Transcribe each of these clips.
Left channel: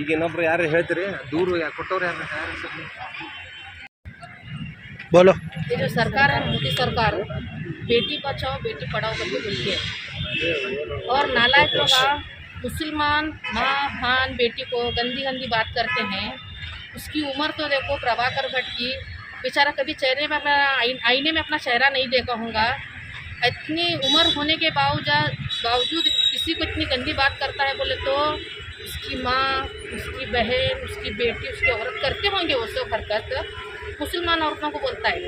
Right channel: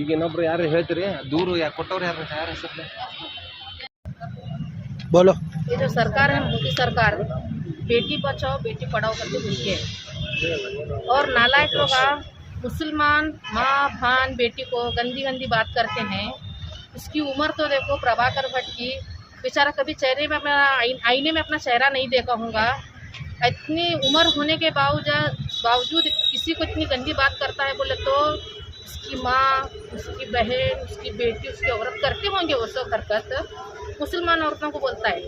ಈಗ ಇನ್ನೊಬ್ರು ಯಾರು ಹೇಳ್ತೀರಿ दूर या ಕೊಟ್ಟವ್ರು ಯಾರು बोलो। ये जो सरकार है मोदी सरकार बेटी बचाओ बेटी पढ़ाओ करके बोलती है और नालायक लोग मुसलमान माँ बहन बेटी को गंदी गंदी बात करते हैं। उसकी उम्र तो देखो प्रभाकर भट्ट की, बेचारा कभी चेहरे में अपना आईने में अपना चेहरा नहीं देखा होगा। इतनी उम्र होने के बावजूद किसी को इतनी गंदी बात करता है बोले तो उसकी माँ उसकी बहन उसकी बेटी उसकी औरत करते होंगे वो सब हरकत। मुसलमान औरतों को बोलता है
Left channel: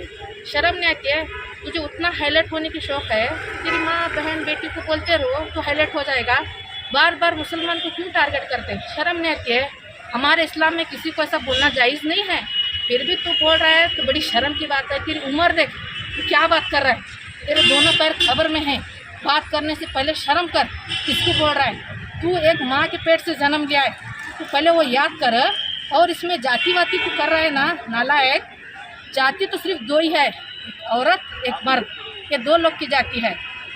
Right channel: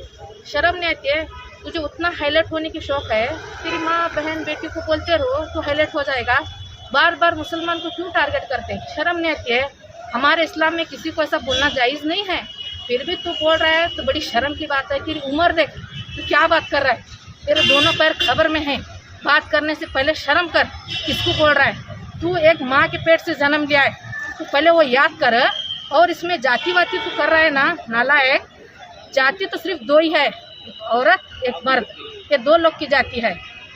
शर्म नहीं आती है? तुझे उतना हाईलाइट होने की शौक़ है, तेरी माँ बहन बेटी को बोलते रहो तो हाईलाइट हो जाएगा। बार बार मुसलमान को क्यों टारगेट करते हैं? शर्म नहीं आती है? हमारे इस्लाम में किसी को ऐसा बोलना जायज़ नहीं है, फिर भी तू बोल रहा है तो बड़ी शर्म की बात है। तेरी उम्र देख, तू क्या बात कर रहा है? तेरे दोनों पैर खबर में हैं, बात करने से पहले शर्म कर। किसको बोल रहा है? तू एक माँ के पेट से जन्म लिया है, तू पहले वो याद कर। और इसमें जाति वाती तू कर रहा है ना नालायक। जाति तो सिर्फ दो ही है, एक औरत एक मर्द, ये दो लोग की जाति है।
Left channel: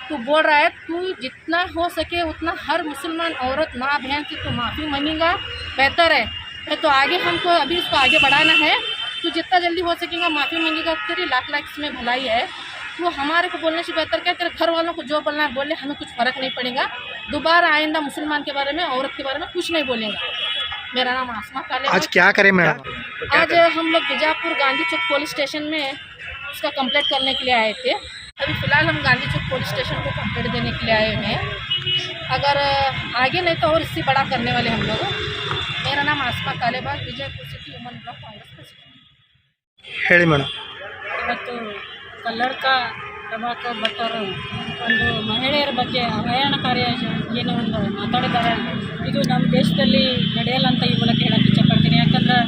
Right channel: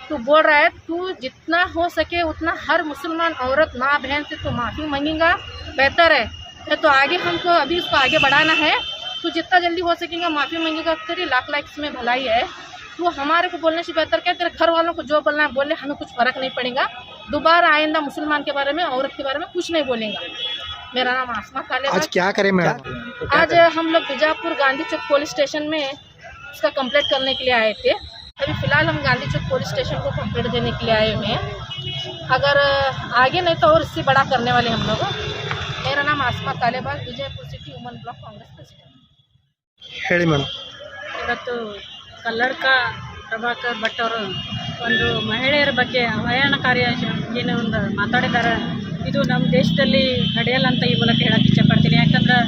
तू बोल रहा है तू जितना हो सके उतना हर मुसलमान औरत माँ बहन से तू माफ़ी मांगेगा बेहतर है। तो आगे हमको अभी उसको आगे बढ़ाना है, तू जितना जल्दी हो सकेगा माफ़ी मांगेगा, तेरी लाख लाख इसमें भलाई है। तो हमारे को बोलने से बेहतर क्या तेरे घर वालों को जो बोलना बोले, हमें कुछ फ़र्क नहीं पड़ेगा। दोबारा आइंदा मुसलमान के बारे में औरत के बारे में कुछ नहीं बोलेंगे। मेरा नाम आसमा काले। आज क्या करें मैडम? आज हम लोग बीजापुर गांधी चौक पुलिस स्टेशन में उसका कंप्लेंट करने के लिए आए थे। अभी फ़िलहाल हम गांधी चौक पुलिस स्टेशन को कंप्लेंट देने के लिए आए हुए हैं। अगर आगे नहीं तो और इससे बड़ा करने वाले हम लोग। मेरा नाम Asma Kalebag, Vijayapur city woman block Congress president. ಹೇಳಿ ಮೇಡಮ್। ಇವತ್ತು ಕಲ್ಲಡ್ಕ ಪ್ರಭಾಕರ್ ಭಟ್ ಅವರು ಒಂದು ಮಹಿಳೆಯರ ಬಗ್ಗೆ ಅವಹೇಳನಕಾರಿ ಏನೋ ಒಂದು ಮಾತಾಡಿದ್ದಾರೆ. ಇದು ನಮ್ಮ ದೇಶದಲ್ಲಿ ನಡೆಯಲ್ಲ ಅಂತ ಈ ಮೂಲಕ ಹೇಳಕ್ಕೆ ಇಷ್ಟಪಡ್ತೀನಿ. ಯಾಕಂದ್ರೆ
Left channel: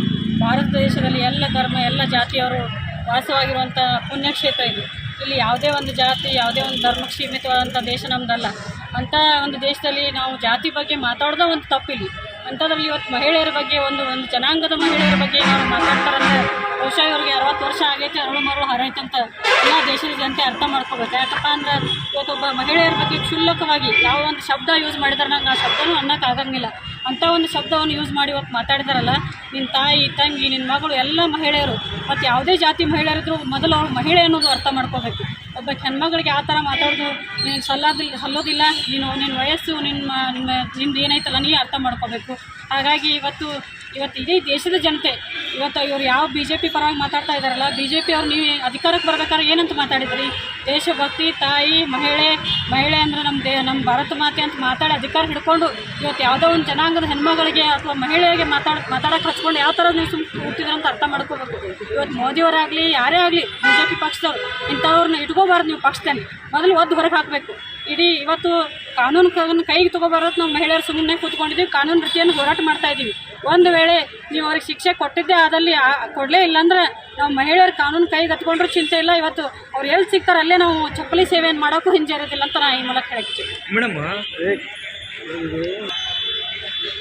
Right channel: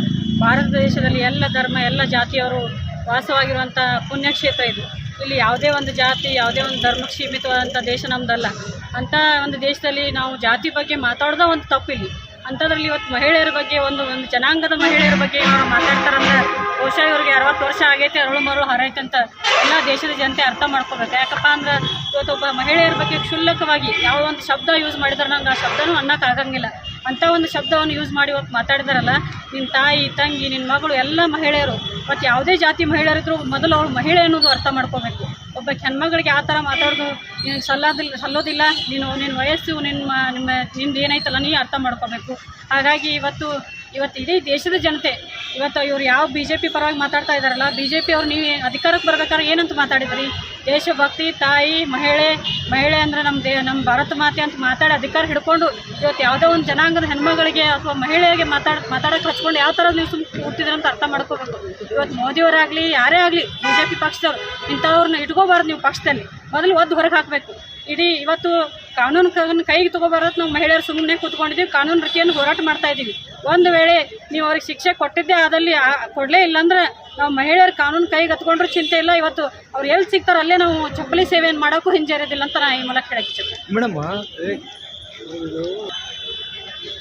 ಭಾರತ ದೇಶದಲ್ಲಿ ಎಲ್ಲ ಧರ್ಮ ಎಲ್ಲ ಜಾತಿಯವರು ವಾಸವಾಗಿರುವಂಥ ಪುಣ್ಯಕ್ಷೇತ್ರ ಇದು. ಇಲ್ಲಿ ಯಾವುದೇ ಒಂದು ಜಾತಿ ಯಾವುದೇ ಒಂದು ಧರ್ಮಕ್ಕೆ ಸೀಮಿತವಾದಂಥ ದೇಶ ನಮ್ಮದಲ್ಲ. ಅಂಥ ಒಂದು ದೇಶದಲ್ಲಿ ನಾವು ಜಾತಿ ಬಗ್ಗೆ ಮಾತಾಡೋದೇ ಒಂದು ತಪ್ಪಿಲ್ಲಿ. ಅಂಥದ್ರಲ್ಲಿ ಇವತ್ತು ಮಹಿಳೆಯರ ಬಗ್ಗೆ ಒಂದು ಜನಾಂಗದ ಮಹಿಳೆಯರ ಬಗ್ಗೆ ಅವರು ಮಾತಾಡ್ತಾರಂದ್ರೆ ಬಹುಶಃ ಇವ್ರಿಗೆ 60 ವರ್ಷ ಆಗೈತೆ, ಅರಳು ಮರಳು ಹರೈತಂತ ಎಲ್ಲ ದೇಶದ ಜನತೆ ಅರ್ಥ ಮಾಡ್ಕೋಬೇಕು. ಯಾಕಪ್ಪ ಅಂದ್ರೆ ಇವತ್ತೊಬ್ಬ ಮಹಿಳೆಯರ ಬಗ್ಗೆ ಕ್ಷುಲ್ಲಕವಾಗಿ ಯಾವ ಒಂದು ಶಬ್ದ ಯೂಸ್ ಮಾಡಿದ್ರೆ ನಂಗೆ ಆ ಶಬ್ದನೂ ಅನ್ನೋಕ್ಕಾಗಂಗಿಲ್ಲ. ಅಂಥ ಒಂದು ಶಬ್ದವನ್ನು ಯೂಸ್ ಮಾಡಿ ಇವತ್ತು ಮಾತಾಡಿದಾರಲ್ಲ, ನಿನ್ನ ತಾಯಿ ತಂಗಿ ನಿನ್ನ ಮಗಳು ಎಲ್ಲ ಮಹಿಳೆಯರು ಮತ್ತು ಯಾವುದೇ ಜಾತಿ ಮಹಿಳೆಯರಿದ್ರು ಮೊದಲು ಅವಳು ಮಹಿಳೆ ಅನ್ನೋದು ಅರ್ಥ ಮಾಡ್ಕೋಬೇಕು. ಒಬ್ಬ ಹೆಣ್ಮಗಳಿಗೆ ಆ ಥರ ಮಾತಾಡೋದು ನೀನು ಸಲ್ಲೋದಿಲ್ಲ. ನಿನ್ನ ವಯಸ್ಸು ನಿಂದು ಏನೈತಲ್ಲ ನೀ ಅರ್ಥ ಮಾಡ್ಕೋಬೇಕು. ಹಾಗಾಗಿ ಇವತ್ತು ಇಡೀ ದೇಶದ ಜನತೆ ಇವತ್ತು ಇವರು ಯಾವ BJP ಪರವಾಗಿ ಮಾತಾಡ್ತಾ ಇದ್ದಾರಲ್ಲ, BJP ಅವ್ರು ನೀವು ಅಧಿಕಾರಕ್ಕೆ ಬರ್ಬೇಕಾದ್ರೆ ಏನಂತ ಮಾತಾಡಿದ್ರಿ? ದೇಶಭಕ್ತಿ, ತಾಯಿ, ಮಹಿಳೆ ಅಂದರೆ ನಮ್ಮ ಭಾರತ ಮಾತೆ ಅಂತ ಮಾತಾಡಿ ಅಧಿಕಾರ ಹಿಡ್ಕೊಂಡು ಇವತ್ತು ಯಾವುದೋ ಒಂದು ಜನಾಂಗದ ಹೆಣ್ಮಗಳಿಗೆ ಅಥವಾ ಮಹಿಳೆಯರಿಗೆ ಮಾತಾಡೋಕೆ ಹಚ್ಕೊಂಡು ಯಾವ ಥರ ನೀವು ಹುಟ್ಟಿದ್ರೆ ಅಂತ ಅರ್ಥ ಮಾಡ್ಕೋಬೇಕು. ಇವತ್ತು ಮೋದಿಯವರಾಗಲಿ ಯಾರೇ ಆಗಲಿ BJP ಪಕ್ಷದವ್ರು ಇಂಥವ್ರನ್ನ ಇಟ್ಕೋಬಾರ್ದು. ನೀವು ಪಕ್ಷದಲ್ಲಿ ಮೊದಲು ಒದ್ದು ಹೊರಗೆ ಹಾಕಬೇಕು. ಇಡೀ ಇವತ್ತು ಕಾನೂನು ಕೈಗೆ ತೊಗೊಬಾರ್ದು. ನಾವು ಮಹಿಳೆಯರು ಸುಮ್ಮನೆ ಕೂತ್ಕೊಂಡಿದ್ದೀವಿ, ಕಾನೂನು ರೀತಿಯನ್ನು ಹೋರಾಟ ಮಾಡ್ತಾ ಇದ್ದೀವಿ. ಒಂದು ವೇಳೆ ನೀವು ಅವ್ರಿಗೆ ಶಿಕ್ಷೆ ಕೊಟ್ಟಿದ್ದೇ ಆದಲ್ಲಿ ಕೊಡಲೇ ಇಲ್ಲಾಂದ್ರೆ ನಾವು ಮಹಿಳೆಯರು ಕಾನೂನು ಕೈಗೆ ಹತ್ಕೊಂಡ್ರೂ ಚಿಂತೆ ಇಲ್ಲ. ಇವತ್ತು ಅವ್ರು ಎಲ್ಲಿ ಸಿಗ್ತಾರೋ ಅಲ್ಲೇ ನಾವು ಚಪ್ಪಲಿ ಸೇವೆಯನ್ನು ಮಾಡೋಕ್ಕೂ ಹಿಂಜರಿಯೋದಿಲ್ಲ ಅಂತ ನಾನು ಈ ಮೂಲಕ ಹೇಳಕ್ಕೆ ಇಚ್ಛೆ. ಮೇಡಮ್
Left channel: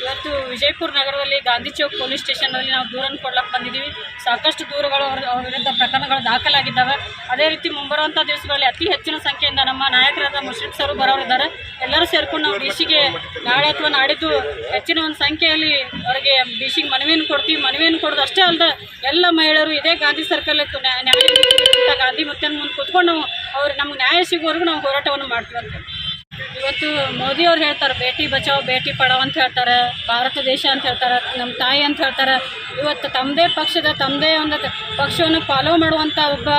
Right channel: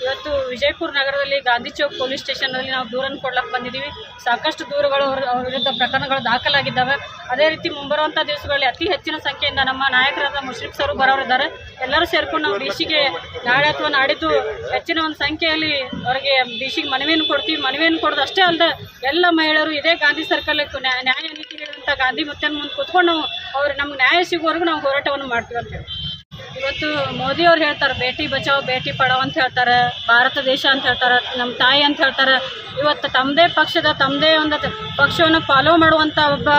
ಇವತ್ತು ವಿಜಯಪುರ ನಗರದಲ್ಲಿ ಗಾಂಧಿ ಚೌಕ್ ಪೊಲೀಸ್ ಸ್ಟೇಷನ್ನಲ್ಲಿ ನಾವು ದೂರನ್ನು ಕೊಡ್ಲಕ್ಕೆ ಬಂದಿದ್ದೀವಿ. ಸಾಕಷ್ಟು ದೂರುಗಳು ಅವ್ರ ವಿರುದ್ಧ ಪ್ರಕರಣಗಳು ದಾಖಲಾಗಿದ್ದಾವೆ. ಅದೇ ರೀತಿ ಮುಂಬರುವಂಥ ದಿವಸಗಳಲ್ಲಿ ಅತಿ ಹೆಚ್ಚಿನ ಸಂಖ್ಯೆಯಿಂದ ನಮ್ಮ ನಾಯಕರಾದ ಮುಷ್ರಿಫ್ ಸರ್ ಬರೋರಿದ್ದಾರೆ. ಎಲ್ಲರೂ ಸೇರ್ಕೊಂಡು ನಾವು ಡಿ.ಸಿಗೆ ನಾಳೆ ಅಥವಾ ನಾಡಿದ್ದು ಹೆಚ್ಚಿನ ಒಂದು ಸಂಖ್ಯೆಯಲ್ಲಿ ಅವರಿಗೆ ಡಿ.ಸಿಗೆ ಮನವಿಯನ್ನು ಕೊಡ್ತೀವಿ. ಮನವಿಯನ್ನು ಕೊಡೋದು ಅಷ್ಟೇ ಅಲ್ಲದೆ ಎಲ್ಲ ಮಹಿಳೆಯರು ಇದೇ ಗಾಂಧಿ ಸರ್ಕಲ್ಕ್ಕೆ ನ್ಯಾಯ ಗಾಂಧಿ ಮುತ್ತನ ಮುಂದೆ ಕೂತ್ಕೊಂಡು ನಾವು ನಮ್ಗೆ ನ್ಯಾಯ ಸಿಗುವವರೆಗೂ ನಾವು ಹೋರಾಟವನ್ನು ಮಾಡ್ತೀವಿ ಅಂತೇಳಿ. ಇವತ್ತು ಮೋದಿ ಅವ್ರು ಹೇಳ್ತಾರೆ ಬೇಟಿ ಬಚಾವ್ ಬೇಟಿ ಪಡಾವ್ ಅಂತ ಹೇಳ್ತಾರೆ, ಭಾರತ ದೇಶ ಅಂತ ಹೇಳ್ತಾರೆ, ನಮ್ಮ ತಾಯಿ ಅಂತ ಹೇಳ್ತಾರೆ. ಇವತ್ತು ತಮ್ಮದೇ ಪಕ್ಷದ ತಮ್ಮದೇ ಒಂದು ಪಕ್ಷವನ್ನು ಫಾಲೋ ಮಾಡುವಂಥ ಒಬ್ಬ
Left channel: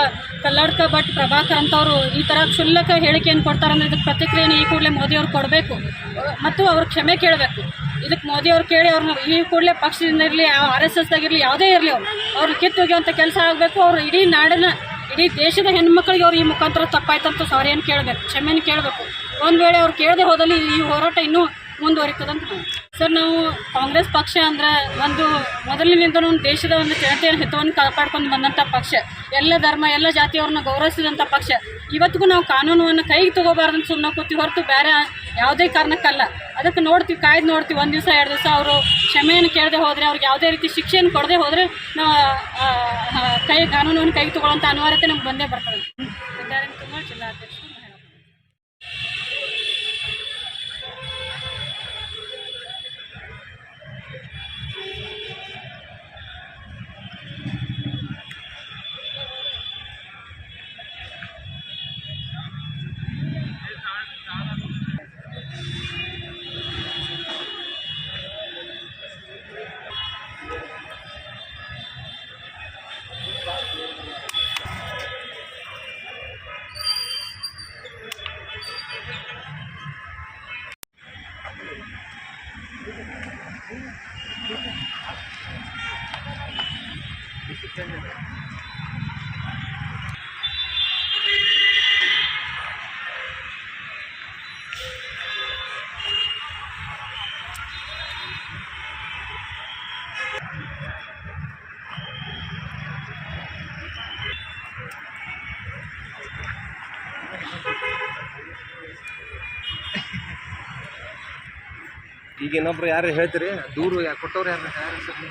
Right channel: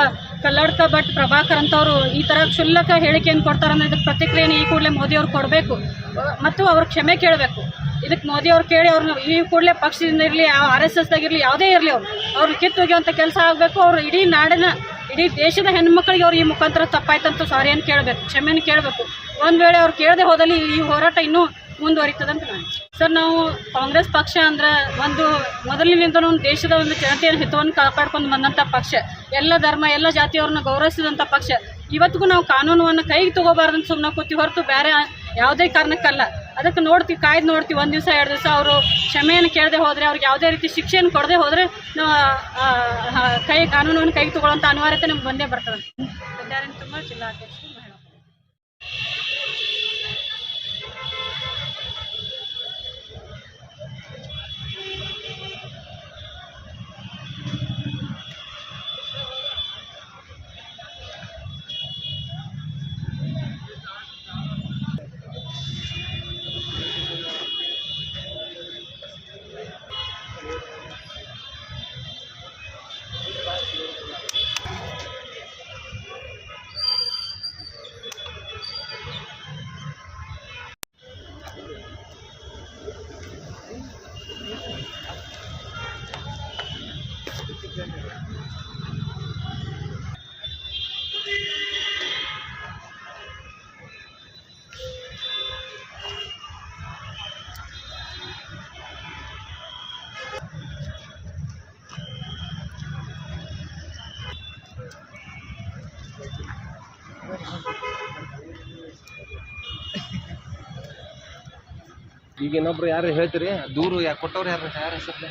ಕಲ್ಲಡ್ಕ ಭಟ್ ಪ್ರಭಾಕರ್ ಅಂತವರು ಈ ಥರ ಕ್ಷುಲ್ಲಕ ಹೇಳಿಕೆಯನ್ನು ಕೊಡ್ತಾರೆ ಅಂದರೆ ಇದಕ್ಕೆ ಪ್ರತಿಕ್ರಿಯೆಯನ್ನು ಈ ಕೂಡಲೇ ಮೋದಿಯವ್ರು ಕೊಡಬೇಕು ಮತ್ತು ಅವ್ರು ಕ್ಷಮೆ ಕೇಳಬೇಕು. ಇದಕ್ಕೆ ಮೋದಿಯವ್ರು ಕೇಳಿ ಅವ್ರನ್ನ ಈ ಕೂಡಲೇ ಪಕ್ಷದಿಂದ ಇರಲಿ RSSದಾಗಿರಲಿ ಯಾವುದೇ ಇರಲಿ ಅವ್ರನ್ನ ಕಿತ್ತೊಗೆಯುವಂಥ ಕೆಲಸ ಆಗಬೇಕು. ಅವರು ಇಡೀ ದೇಶದ ಹೆಣ್ಮಕ್ಳಿಗೆ ಅವ್ರು ಈ ಮುಖಾಂತರ ತಪ್ಪಾಯ್ತಂತ ಸಾರಿಯನ್ನು ಕೇಳಬೇಕು, ಕ್ಷಮೆಯನ್ನು ಕೇಳಬೇಕು. ಒಂದು ವೇಳೆ ಅವ್ರು ಕೇಳದೆ ಹೋದಲ್ಲಿ ಈ ಹೋರಾಟ ಇನ್ನೂ ಮುಂದುವರಿತದಂತ ಸರ್. ನಾವು ಕಾಂಗ್ರೆಸ್ ಪಕ್ಷ ಅಂದರೆ ಒಂದು ಮೊದಲಿನಿಂದ ಒಂದು ದೇಶದ ಒಂದು ಜನತೆಯ ಹಿತವನ್ನು ಕಾಪಾಡ್ಕೊಂಡು ಬಂದಂಥ ಪಕ್ಷ, ಎಲ್ಲ ಧರ್ಮ ಎಲ್ಲ ಜಾತಿಯವ್ರನ್ನ ಗೌರವಿಸಿದಂಥ ಪಕ್ಷ. ಇವತ್ತಿಗೂ ನಾವು ಕಾನೂನನ್ನು ಕೈಗೆ ತೊಗೋಬಾರ್ದಂತ ಸುಮ್ಮನೆ ಕೂತೀವಿ ಹೊರತು ಬೇರೆ ಯಾವುದೇ ಕಾರಣಕ್ಕಲ್ಲ. ಅದಕ್ಕೆ ನೋಡ್ತೀವಿ, ಕಾಯ್ದು ನೋಡ್ತೀವಿ. 1 ದಿವಸ 2 ದಿವಸ ಅವರು ಕ್ಷಮೆಯನ್ನು ಕೇಳದೆ ಹೋದರೆ, ಅವ್ರಿಗೆ ಯಾವುದೇ ರೀತಿ ಶಿಕ್ಷೆಯನ್ನು ಕೊಡದೆ ಹೋದರೆ ನಾವು ಕಾನೂನನ್ನು ಕೈಗೆ ತೊಗೊಳ್ಳೋಂಥ ಅನಿವಾರ್ಯತೆ ನಮ್ಗೆ ಬಂದೇ ಬರ್ತದೆ. ತುಂಬ ಜಿಲ್ಲಾಧ್ಯಕ್ಷರು ಮಹಿಳಾ ಈಗ ಇನ್ನೊಬ್ರು ಯಾರು ಹೇಳ್ತೀರಿ ದೂರು ಯಾಕೆ ಕೊಟ್ಟವ್ರು ಯಾರು ಹೆಸರು